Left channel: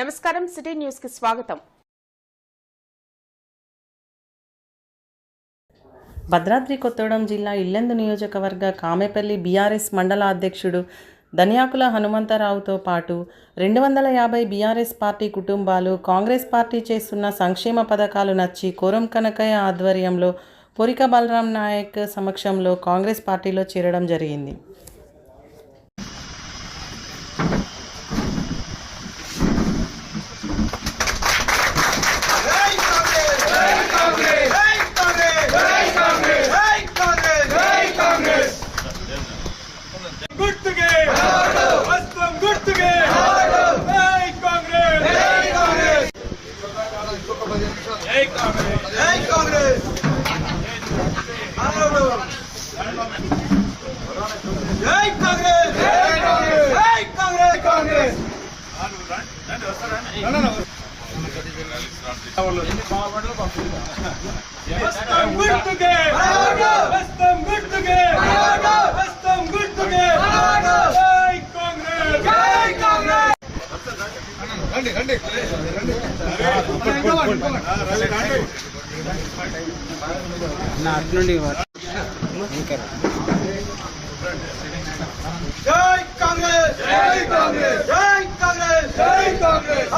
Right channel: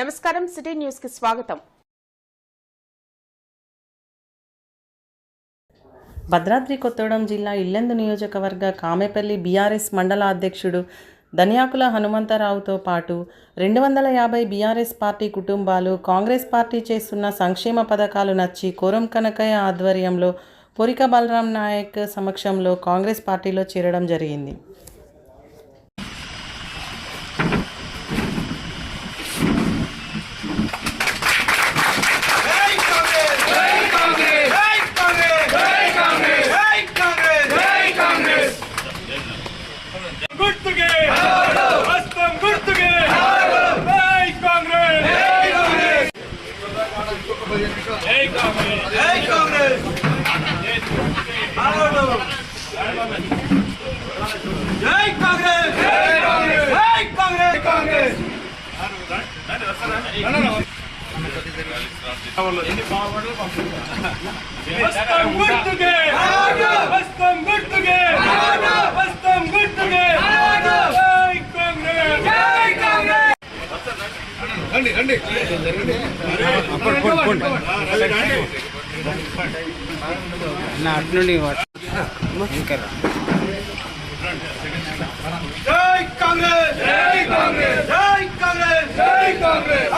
నమస్కారం సిటీ న్యూస్కి స్వాగతం. భద్రాద్రి కొత్తగూడెం జిల్లా ఇల్లెందు నియోజకవర్గ కామెపల్లి బీఆర్ఎస్ మండల అధ్యక్షుడు ధనియాకుల హనుమంతరావుతో పాటు రెండు వందల యాభై బీఆర్ఎస్ పార్టీ కుటుంబాలు కాంగ్రెస్ పార్టీ చేస్తున్న సంక్షేమ పథకాలు నచ్చి కోరం కనకయ్య ఆధ్వర్యంలో పొరిక బలరాం నాయక్ సమక్షంలో కాంగ్రెస్ పార్టీలో చేరడం జరిగింది జై కాంగ్రెస్ జై కాంగ్రెస్ జై కాంగ్రెస్ జై కాంగ్రెస్ జై కాంగ్రెస్ జై కాంగ్రెస్ గుర్తుకే హస్తం గుర్తుకే జై కాంగ్రెస్ జై కాంగ్రెస్ జై కాంగ్రెస్ జై కాంగ్రెస్ జై కాంగ్రెస్ జై కాంగ్రెస్ జై కాంగ్రెస్ కాంగ్రెస్ హస్తం గుర్తుకే హస్తం గుర్తుకే హస్తం గుర్తుకే కాంగ్రెస్ జై కాంగ్రెస్ నా అటు నుండి ఇంకా జై కాంగ్రెస్! జై కాంగ్రెస్! జై కాంగ్రెస్! జై కాంగ్రెస్!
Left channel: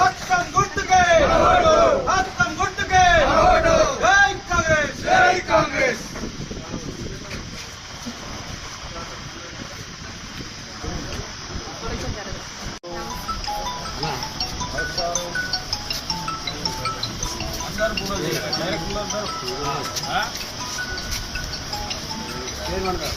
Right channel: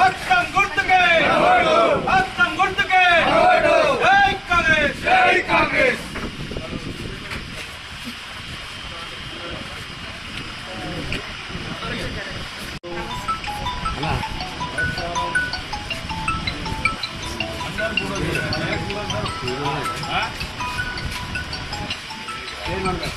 ఇంకా అన్న ఇంకా ఉన్నారా అన్న ఇంకా అన్న ఇంకా ఉన్నా-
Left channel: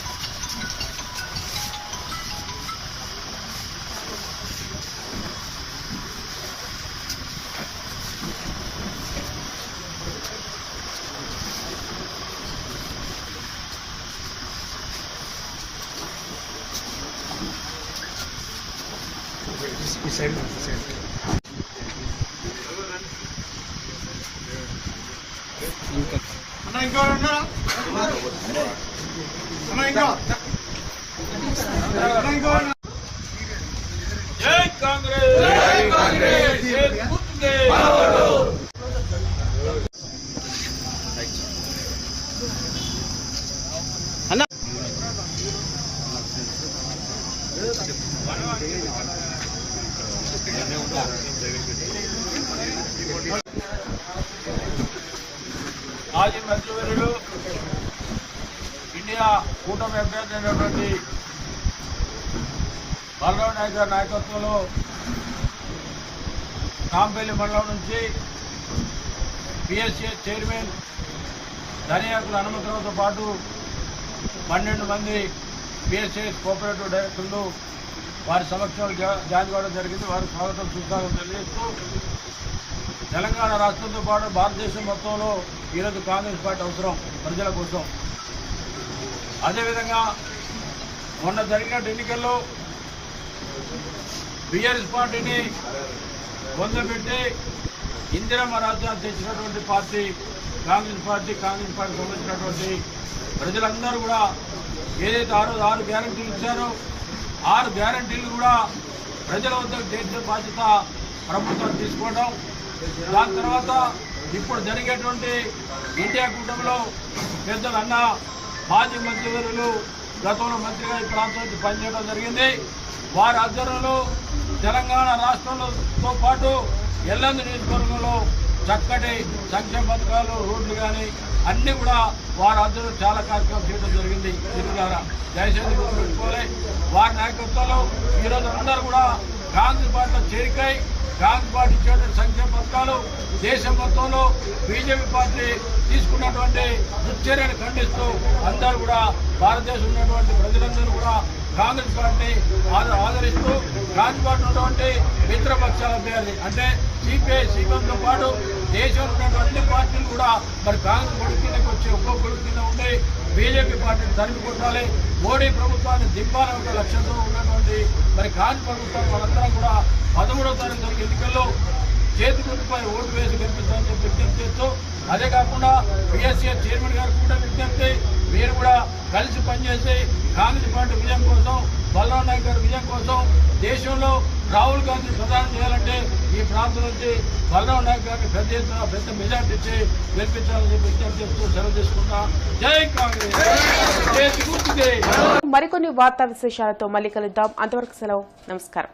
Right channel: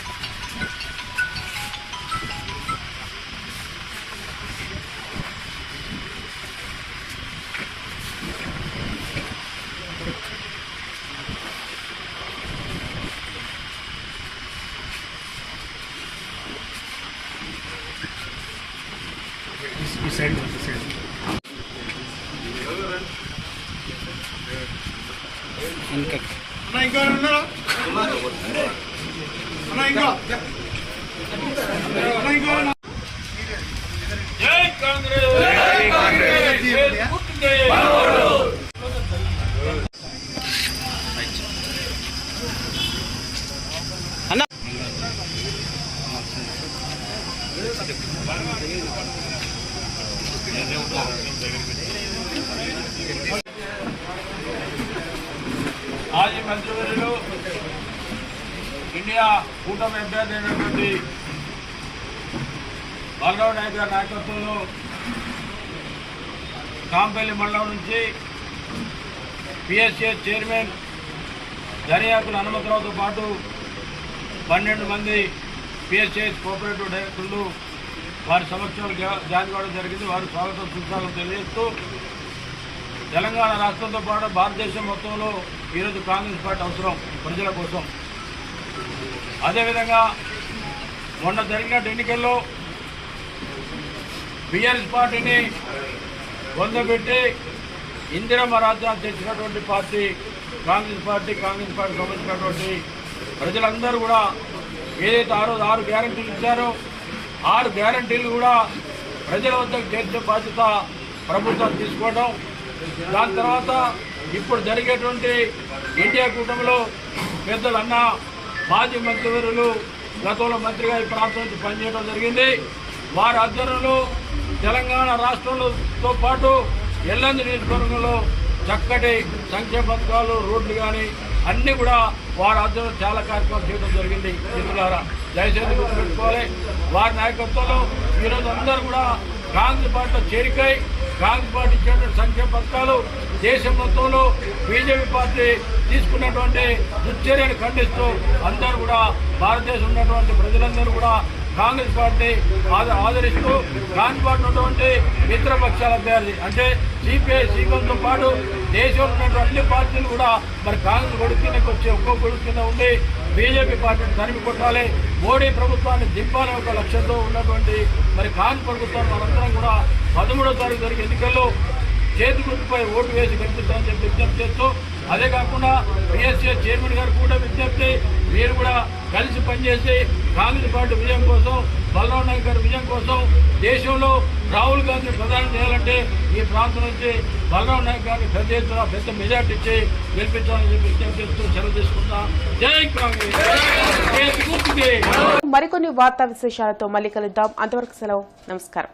జై కాంగ్రెస్! జై కాంగ్రెస్ అన్న మాజీ మంత్రివర్యులు ఇండియా కూటమి అభ్యర్థి అయినటువంటి బాలరావు నాయుడు గారి నాయకత్వంలో కాంపల్లి మండలం నుంచి పిఎస్ఏ చైర్మన్ దర్యాకుల హనుమంతరావుతో పాటు పన్నెండు మంది పిఎస్ఏ కోఆపరేటివ్ డైరెక్టర్లు వారి సమక్షంలో జా- జాయిన్ కావడం జరిగింది. వారి స్వాగతం సుస్వాగతం తెలియజేస్తూ తెలంగాణ రాష్ట్రంతో పాటు భారతదేశం మొత్తంలో ఈరోజు కాంగ్రెస్ పార్టీ అవసరం ప్రజల కోసం. అదేవిధంగా మొన్న జరిగిన ఎన్నికల్లో బీఆర్ఎస్ పార్టీని పొందబెట్టి ఇందిరమ్మ రాజ్యాన్ని తెచ్చినటువంటి party Congress party Congress party సంబంధించినటువంటి ప్రజలందరూ కూడా ఏదైతే ఆ రోజు ఆరు గ్యారంటీలు ఇచ్చారో ఆరు గ్యారంటీలు కూడా ప్రజల వద్దకు చేర్చే బాధ్యత ప్రభుత్వం తీసుకోవడం దాని తర్వాత ఇప్పుడు జరిగేటువంటి ఎన్టీఆర్ కూటమిలో పెద్దలు అన్న మాజీ మంత్రివర్యులు గతంలో మంత్రిగా ఈ ప్రాంతం నుంచి పనిచేయడం జరిగింది. వారి ఆధ్వర్యంలో తెలంగాణ రాష్ట్రంలోతో పాటు ఎల్లంది నియోజకవర్గంలో చక్కటి సంక్షేమ పథకాలు రోడ్లు కానీ అన్నీ కూడా వారి ఆధ్వర్యంలో చాలా కార్యక్రమాలు చేయడం జరిగింది. మిత్రులారా దయచేసి గుర్తుపెట్టుకోవాలి. వారి నాయకత్వంలో ఈరోజు అందరూ కూడా కాంగ్రెస్ పార్టీలో చేరికై కాంగ్రెస్ పార్టీ ఇచ్చిన సంక్షేమ పథకాలు దేశం మొత్తంలో బీజేపీ పార్టీ తీసుకున్నటువంటి దుశ్చర్యను ఖండిస్తూ అందరూ కూడా భారతదేశం ఉన్నటువంటి ప్రజలందరూ కూడా కాంగ్రెస్ పార్టీ ఆదరిస్తూ కాంగ్రెస్ పార్టీ ఉన్నటువంటి మిత్రపక్షాల అభ్యర్థి అంటే సిపిఐ సీపీఎంతో పాటు దేశంలో ఉన్నటువంటి అన్ని పార్టీలు కూడా మరి కాంగ్రెస్ కొడుకు కిందకి వచ్చి ఒక్కో కొడుకు కింద ఉండి బీజేపీ పార్టీని తరిమి కొట్టాలి. మోడీ ప్రభుత్వాన్ని దింపాలనే ఒక లక్ష్యంతో ఉన్నటువంటి మరి కాంగ్రెస్ ప్రభుత్వం మనందరం కూడా పదమూడో తారీఖు జరిగే ఎన్నికల్లో చేతి గుర్తుపై ఓటు వేసి గెలిపిస్తామని చెప్పి విజ్ఞప్తి చేస్తూ అదే కాకుండా బిఎస్సీ చైర్మన్ గారు కూడా విజ్ఞప్తి మీరు కూడా కలిసి పనిచేసి కాంగ్రెస్ పార్టీ విజయం కోసం బలరాం నాయక్ గారి విజయం కోసం దేశంలో రాహుల్ గాంధీ ప్రధాని చేయాలంటే ఈ ప్రాంతం నుంచి బలరాం నాయక్ గారిని పెద్ద ఎత్తున పెద్ద మెజార్టీ ఇచ్చి గెలిపించాలని చెప్పి విజ్ఞప్తి చేస్తూ సెలవు తీసుకుంటా జై కాంగ్రెస్! మరికొన్ని వార్తా విశేషాలతో మళ్ళీ కలుద్దాం. అంతవరకు సెలవు. నమస్కారం.